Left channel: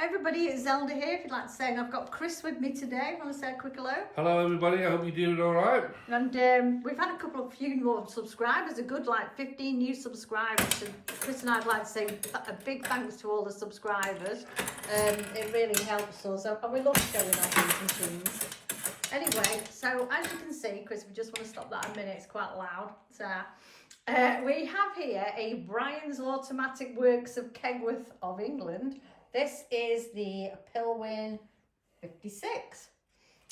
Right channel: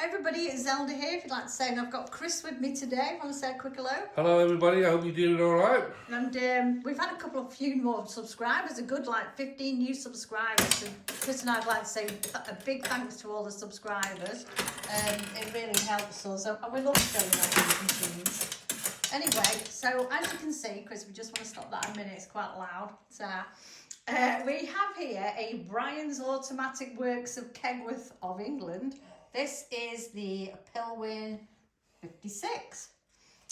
Hey everybody, it's Zelda here. If you'd like to say, and I've got Chris with me today. Want to say a quick hello? Hello everybody, I hope you're doing alright. And we've had a few more subscribers, a good 15 new subscribers. And Chris and I'd like to say a big thanks to all the subscribers. It really helps us, and we love showing our these machines. Anyway, so as you can see, Chris, we just want to stop that a minute, it's quite loud. So, we have here a Bryan's Automatic Works of Kegworth of England. This is the Pilwin 56.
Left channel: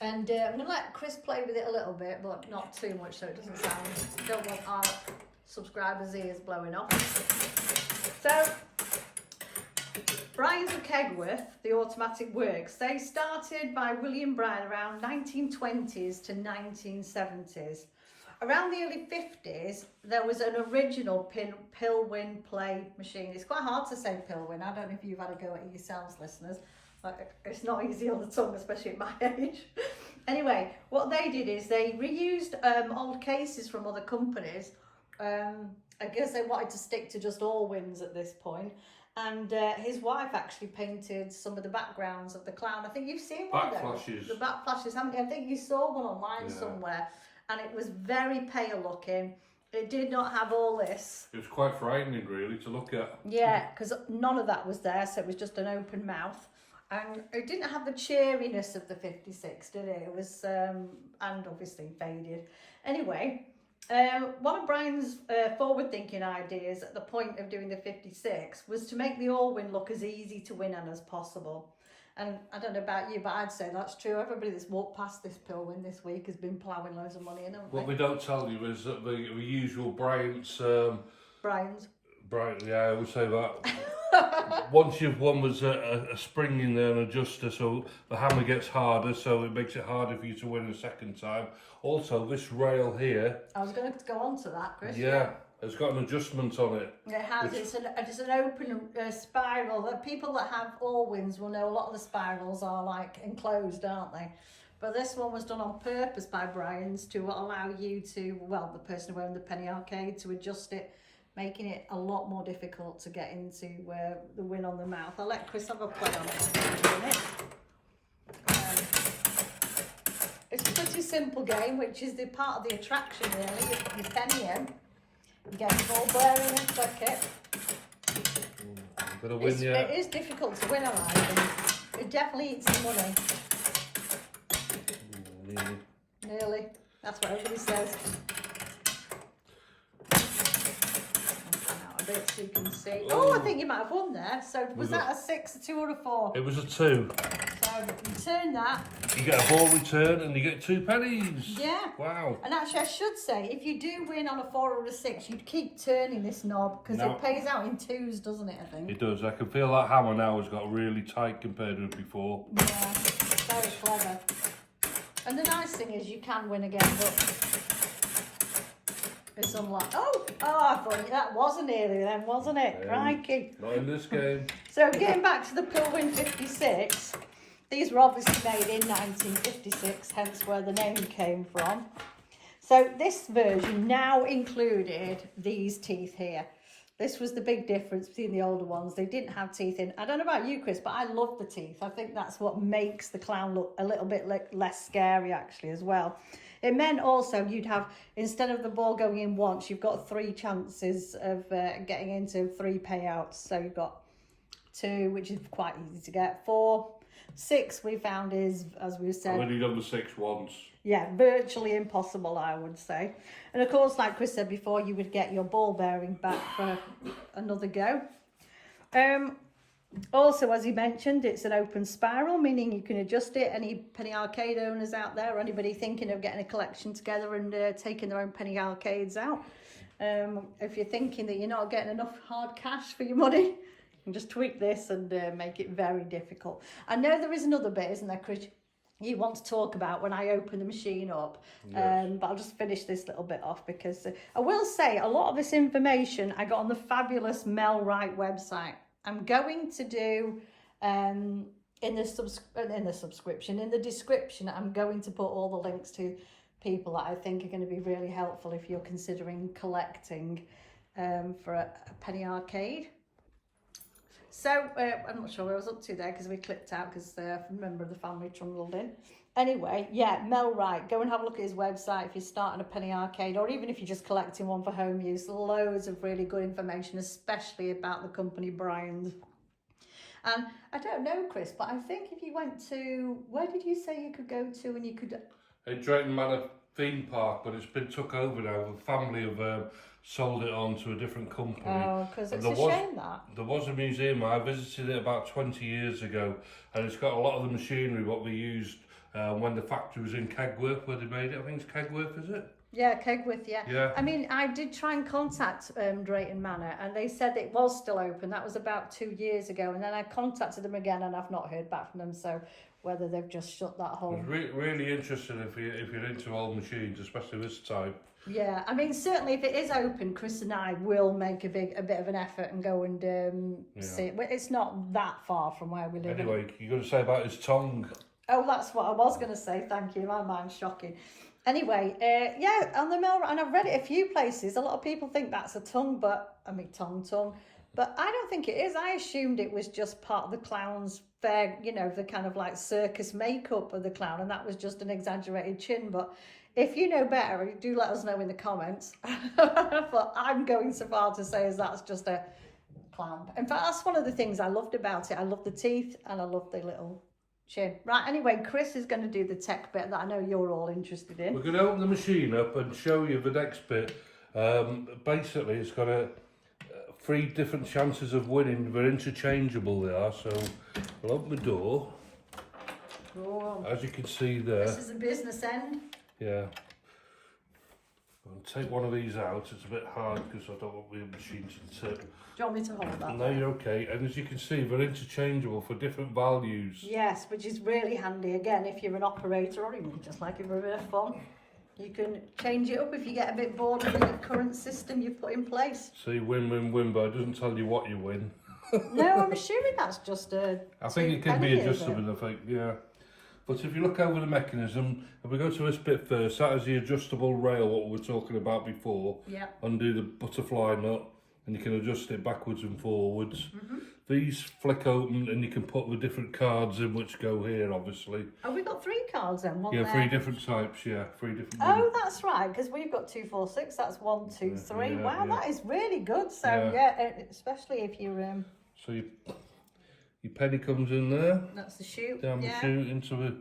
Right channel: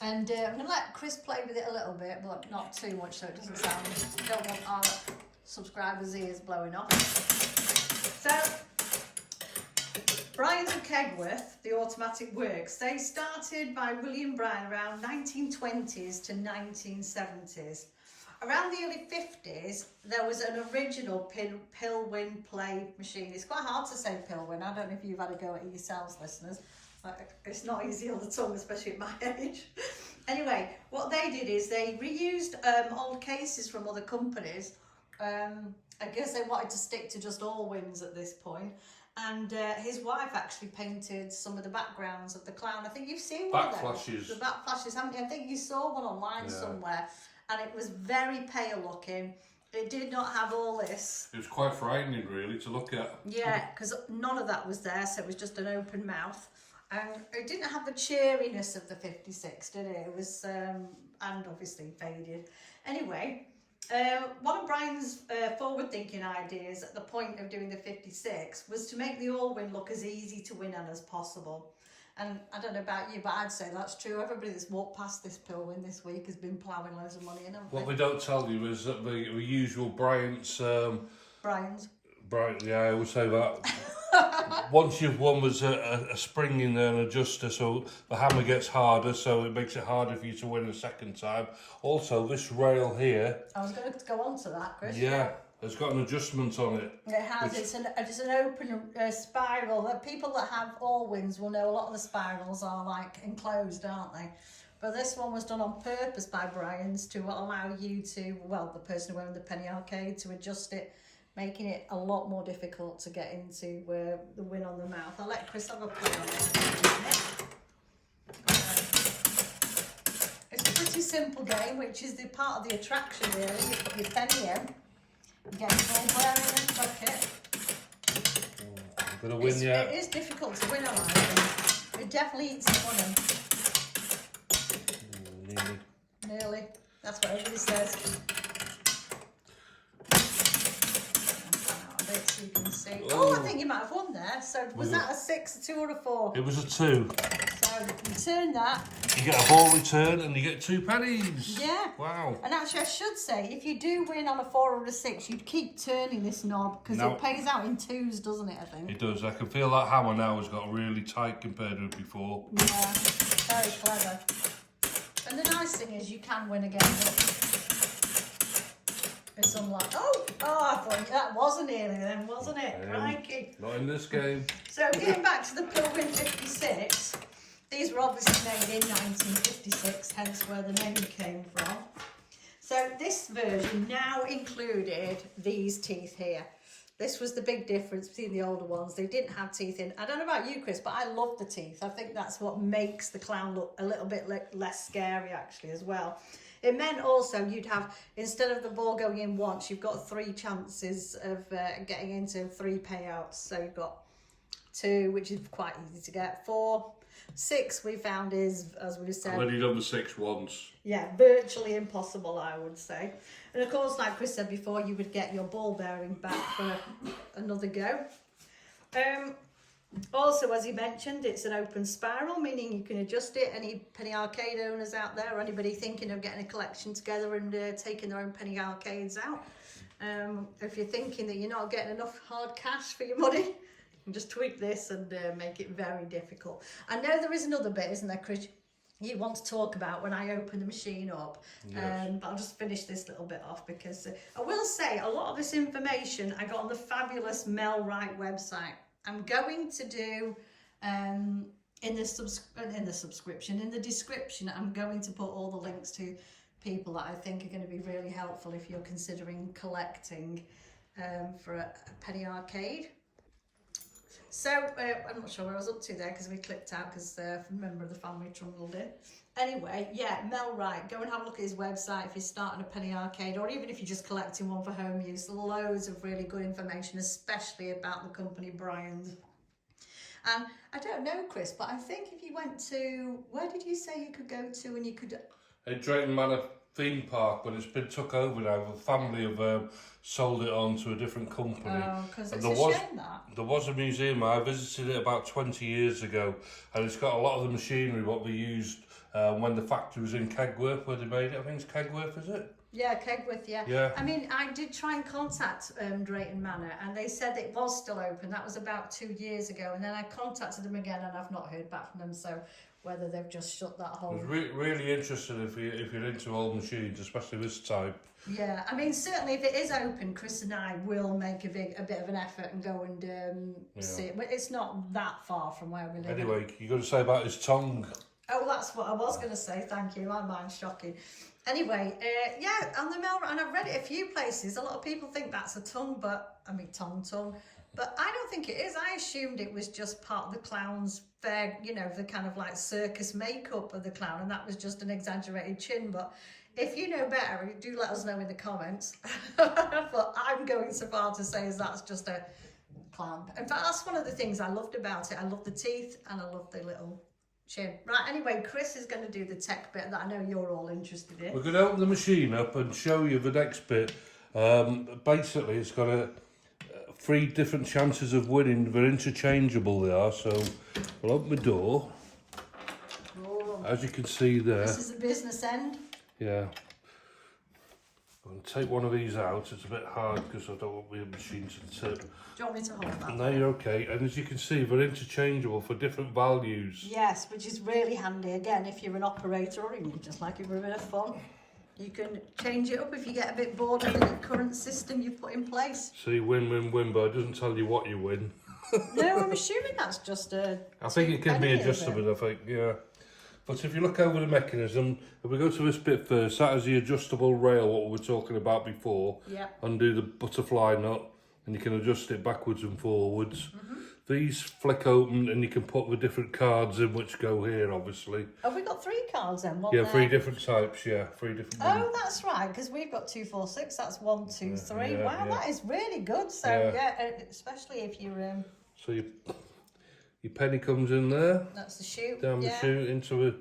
And I'm going to let Chris play with it a little bit, but not too much so it doesn't sound, don't want our subscribers' ears blowing off. So, Bryan's of Kegworth, the Automatic Works, they started by William Bryan around 1920s to 1970s. Around the early 50s, there was an original Pilwin play machine. It's quite hard to say Pilwin. I don't know if you've had a go at it yourselves, listeners. It's not easy on the tongue, especially at my age. Anyway, what they did is they reused old cases from other companies. I guess they wanted to stick to just Allwins at this point. And his wife actually painted some of the backgrounds of the clown. I think you've seen one of those. The back flashes, haven't you? I think you saw one online somewhere. And it was very pale looking. It did not have all this. It was quite frightening really to look at. Yeah, because none of that was there, so it was just an open mouth. And it didn't have the cheeriness of the 56, did it? It was, and obviously faded. Anyway, one of Bryan's forward-thinking ideas at the point of doing the 56 was to make the Allwin look as easy to win on as possible. And I don't know about you, but I'd say that's true. Everybody that's walked past this Pilwin this week has been ploughing loads of money in, haven't they? What we don't tell you is that the usual Bryan's... Bryan's. Bryan, yeah, I always say that. Once you've won, there's a spring in there, an adjuster, so the hammer gets harder, so it makes it harder for you to win a second time. Also, this rail here... I was going to go on to that, Chris. Yeah. It's got an adjustment on it. It has. It's an open spiral. The people that have Allwins will know a lot of the spirals are enclosed, aren't they? But this one was done on purpose by Bryan's to allow you to, well, the person wearing the penny arcade, to adjust it, making it a lot more difficult to get into the win on the mouth. I'll let Chris have a play on it. It's a pretty simple game, which is the part of the attraction really. You put your penny in. Get the ball bearing and click it. Gonna win, yeah. It is difficult to win, I think. It definitely eats some money. Nearly. That's what everybody says. Out a bit so you can see. Oh, I think you might have won there. So was that a 6, a 2 or a 4? It was a 2. So you turn that. You get a ball return and you get 2 pennies. Yeah. Wow. And actually I should say, if you do win on a 4 or a 6, you'd keep turning this knob because it pays out in 2s, doesn't it, I think? It does. I can feel that hammer now has got really tight compared to before. Yeah, very clever. And the nice thing is you can win again, but it's unlike... Oh, I thought that wasn't nearly then, wasn't it? Crikey. Not in this game. So getting back to the Pilwin 56, these were obviously made in 1956, hence where the name came from. So this version now included these teeth here. This was the big difference between the older ones. They didn't have teeth in. I don't know about you, Chris, but I love the teeth. I think that's what makes the clown look a little bit less scary, actually, as well. It meant also you'd have, instead of the ball going in once, you've got 3 chances of getting into 3 payouts. So you've got 2, which is quite easy to get. 4, 6 we found is, as we said... I've only done the 6 once. Yeah, virtually impossible, I would say. And of course, like Chris said before, you would get your ball bearing back for another go. Also, as he mentioned, it's an open spiral, meaning you can adjust it. Any penny arcade owners out there, or anybody thinking of getting a collection together and taking their own penny arcades out. If you're thinking that you're not getting enough hard cash for your money, you can just tweak this and make it very difficult. I know there is another bit, isn't there, Chris, you want to talk about when I open the machine up. Yes. But I'll just finish this little bit off because I will say a lot of this information I got on the fabulous Mel Wright website. I'm going to do in the description, I'm going to put all the links to people that I think are going to be really helpful if you're considering collecting for a penny arcade. So, I'm not sure where I was up to there because we clicked out because a member of the family trundled in. Anyway, yeah, Mel Wright, go and have a look at his website if you're starting a penny arcade or even if you're just collecting one for home use. Loads of really good information, especially about the company Bryan's. And I don't know, Chris, but I think if you went to, where did you say you could go to and you could... In Drayton Manor theme park, but it's been took over now. The family have sold it on to a different company. Oh, because it's and a shame that. There was a museum. I visited it about 20 years ago, and it's got a lot of the machinery what they used when the factory was in Kegworth, where they made it. I think it's Kegworth, is it? Yeah, Kegworth, yeah. Yeah. I mean, I did try and contact Drayton Manor and they said it was still open. That was about 2 years ago. And then I contacted them again and I've not heard back from them. So whether they've just shut that whole... It's really interesting if you're into old machines, especially this type. Yeah, I mean, certainly if it is open, Chris and I will make a bit of an effort and go and see it. It's not that far from where we live. Anyway, you got to say about his tongue. Oh, that's what I was going to say. Thank you. My mind's shocking. Anyway, yeah, on the mill, and I've read it a few places. A lot of people think that's a tongue, but I mean tongue. But I don't think it is. I assumed it was just part of the clown's fair, you know, the kind of like circus makeup of the clown, and that was just an exaggerated chin. But if you know better, do let us know in the comments. But I'm going so far to say as that's just a clown. In fact, that's one of the things I loved about it. I love the teeth and I love the little chin. Right, anyway, Chris is going to do the tech bit that I know you're all interested in. We're going to open the machine up and show you the next bit. Basically, it's got 3 different chances of winning. They're interchangeable, they are. So we'll open the door. Oh, as you can see there. This is the business end. Yeah. I'll take one of these out. It's a bit hard because I don't want the machine to tip. Do you want me to hold that? No, you're okay. And as you can see, they're interchangeable for different values. Yes, which is really handy. Again, if you're an operator or even just like it for a bit of fun, you can change it up if you get a bit bored of the current system you've put in place. See, win, win, win, but it doesn't tell you what you win. No, I'm assuming that's just a... I think it can be adjustable, I think, yeah. But if you look over the mechanism, if we go to this bit first, that is the adjustable rail, what we were talking about before. Yeah. Undo the butterfly nut, and you can adjust it backwards and forwards. These flick open, and you can put the different cards in, which go here, obviously. Have we got 3 cards then? Yeah, 3 different types, yeah. 3 different... Oh, that's right, because we've got 2, 4, 6. That's 1, 2, 3. Yeah, wow, yeah. that is really good. So, yeah, especially if you're... So your penny comes in there. That's the chute. Down the chute into the...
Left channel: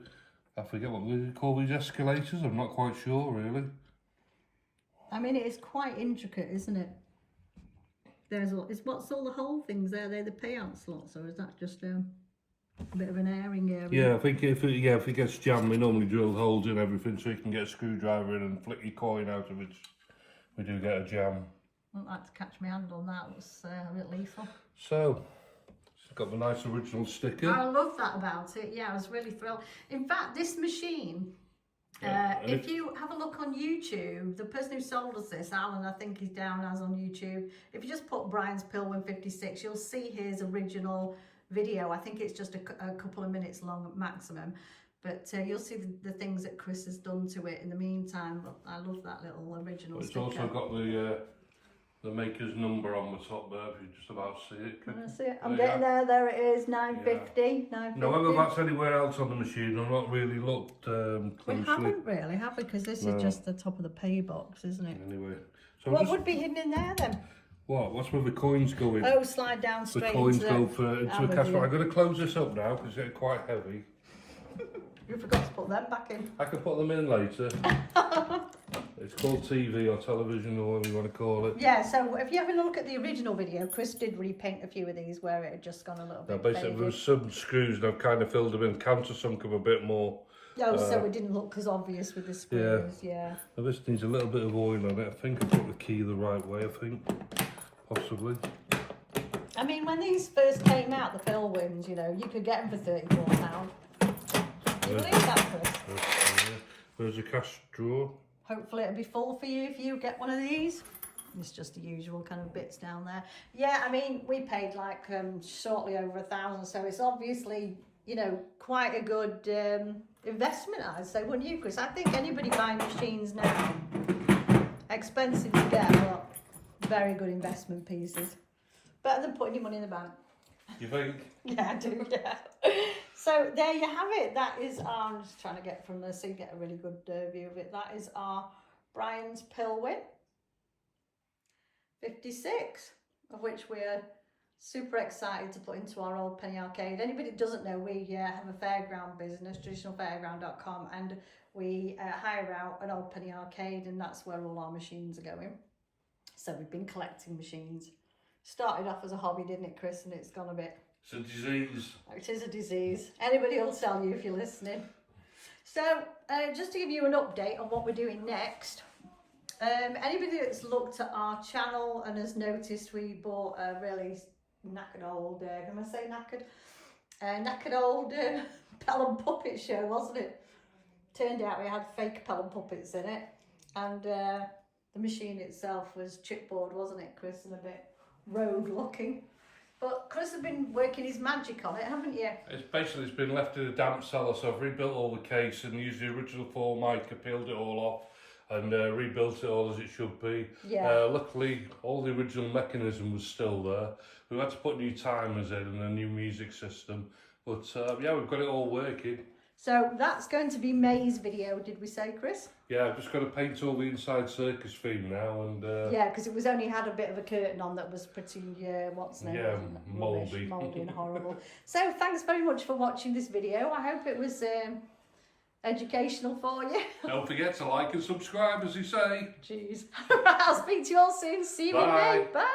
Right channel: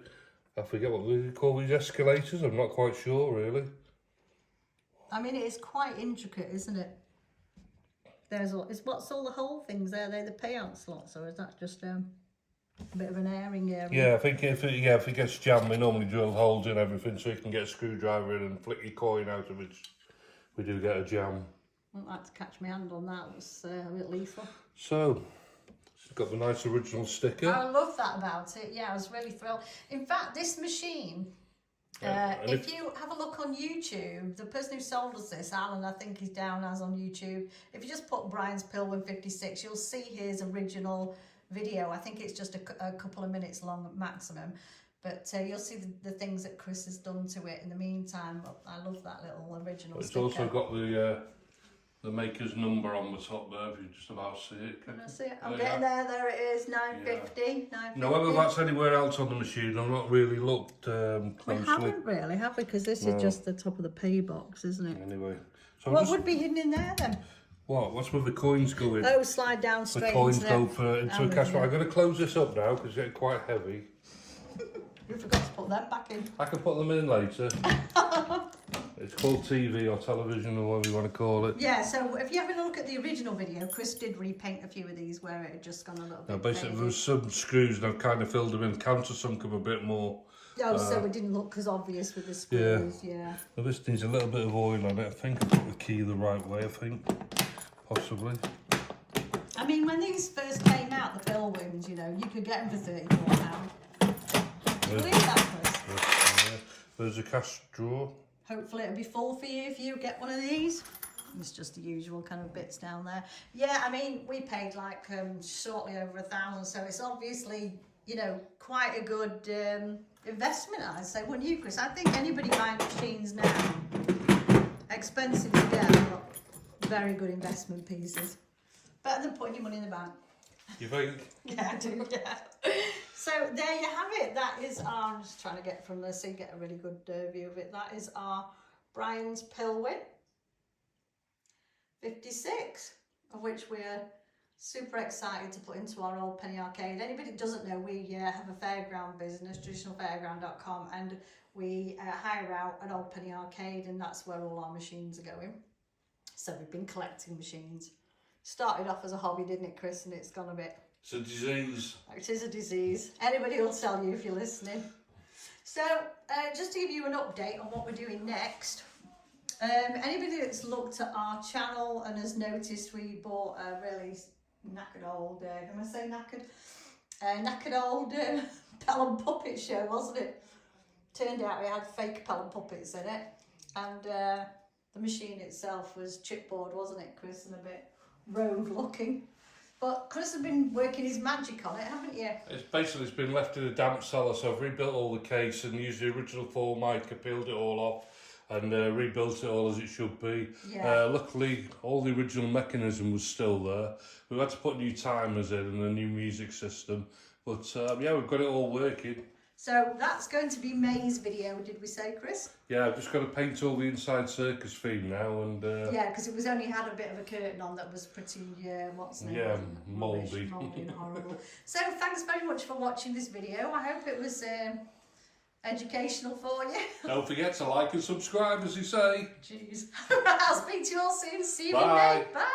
I forget what we call these escalators. I'm not quite sure, really. I mean, it is quite intricate, isn't it? There's all... What's all the whole things there? They're the payout slots, or is that just a bit of an airing area? Yeah, I think if it gets jammed, we normally drill holes in everything so you can get a screwdriver in and flick your coin out of it. We do get a jam. I wouldn't like to catch my hand on that. It's a bit lethal. So, it's got the nice original sticker. I love that about it. Yeah, I was really thrilled. In fact, this machine, if you have a look on YouTube, the person who sold us this, Alan, I think he's down as on YouTube. If you just put Bryan's Pilwin 56, you'll see his original video. I think it's just a couple of minutes long maximum. But you'll see the things that Chris has done to it in the meantime. But I love that little original sticker. It's also got the maker's number on the top there, if you just about see it. That's it. I'm getting there. There it is, 950. Yeah. 950. Now, whether that's anywhere else on the machine, I've not really looked closely. We haven't really, have we? Because this is just the top of the pay box, isn't it? Anyway. So what would be hidden in there then? What? What's where the coins go in? Oh, slide down straight the coins into go into a cash. I'm going to close this up now because it's getting quite heavy. You forgot to put them back in. I can put them in later. It's called TV or television or whatever you want to call it. Yeah, so if you have a look at the original video, Chris did repaint a few of these where it had just gone a little bit basically, faded. there was some screws and I've kind of filled them in, countersunk them a bit more. Oh, so it didn't look as obvious with the screws, yeah. Well, this needs a little bit of oil on it. I think I put the key the right way, I think. Possibly. I mean, when these first came out, the Pilwins, you know, you could get them for £34. Do you believe that, Chris? There's a cash drawer. Hopefully it'll be full for you if you get one of these. It's just the usual kind of bits down there. Yeah, I mean, we paid like shortly over £1,000, so it's obviously, you know, quite a good investment, I'd say, wouldn't you, Chris? I think anybody buying machines now, expensive to get, but very good investment pieces. Better than putting your money in the bank. You think? Yeah, I do, yeah. So there you have it. That is our, I'm just trying to get from there so you get a really good view of it. That is our Bryan's Pilwin 56, of which we're super excited to put into our old penny arcade. Anybody that doesn't know, we have a fairground business, traditionalfairground.com, and we hire out an old penny arcade, and that's where all our machines are going. So we've been collecting machines. Started off as a hobby, didn't it, Chris? And it's gone a bit. It's a disease. It is a disease. Anybody will tell you if you're listening. So just to give you an update on what we're doing next. Anybody that's looked at our channel and has noticed we bought a really knackered old, can I say knackered? Knackered old Pelham puppet show, wasn't it? Turned out we had fake Pelham puppets in it, and the machine itself was chipboard, wasn't it, Chris, and a bit rogue looking. But Chris has been working his magic on it, haven't you? It's been left in a damp cellar, so I've rebuilt all the case and used the original 4 mica, peeled it all off and rebuilt it all as it should be. Yeah. Luckily, all the original mechanism was still there. We had to put new timers in and a new music system. But yeah, we've got it all working. So that's going to be May's video, did we say, Chris? Yeah, I've just got to paint all the inside circus theme now, and yeah, because it was only had a bit of a curtain on that was pretty what's name? Yeah, mouldy. Mouldy and horrible. So thanks very much for watching this video. I hope it was educational for you. Don't forget to like and subscribe, as you say. Jeez. I'll speak to you all soon. See you in Bye. May. Bye.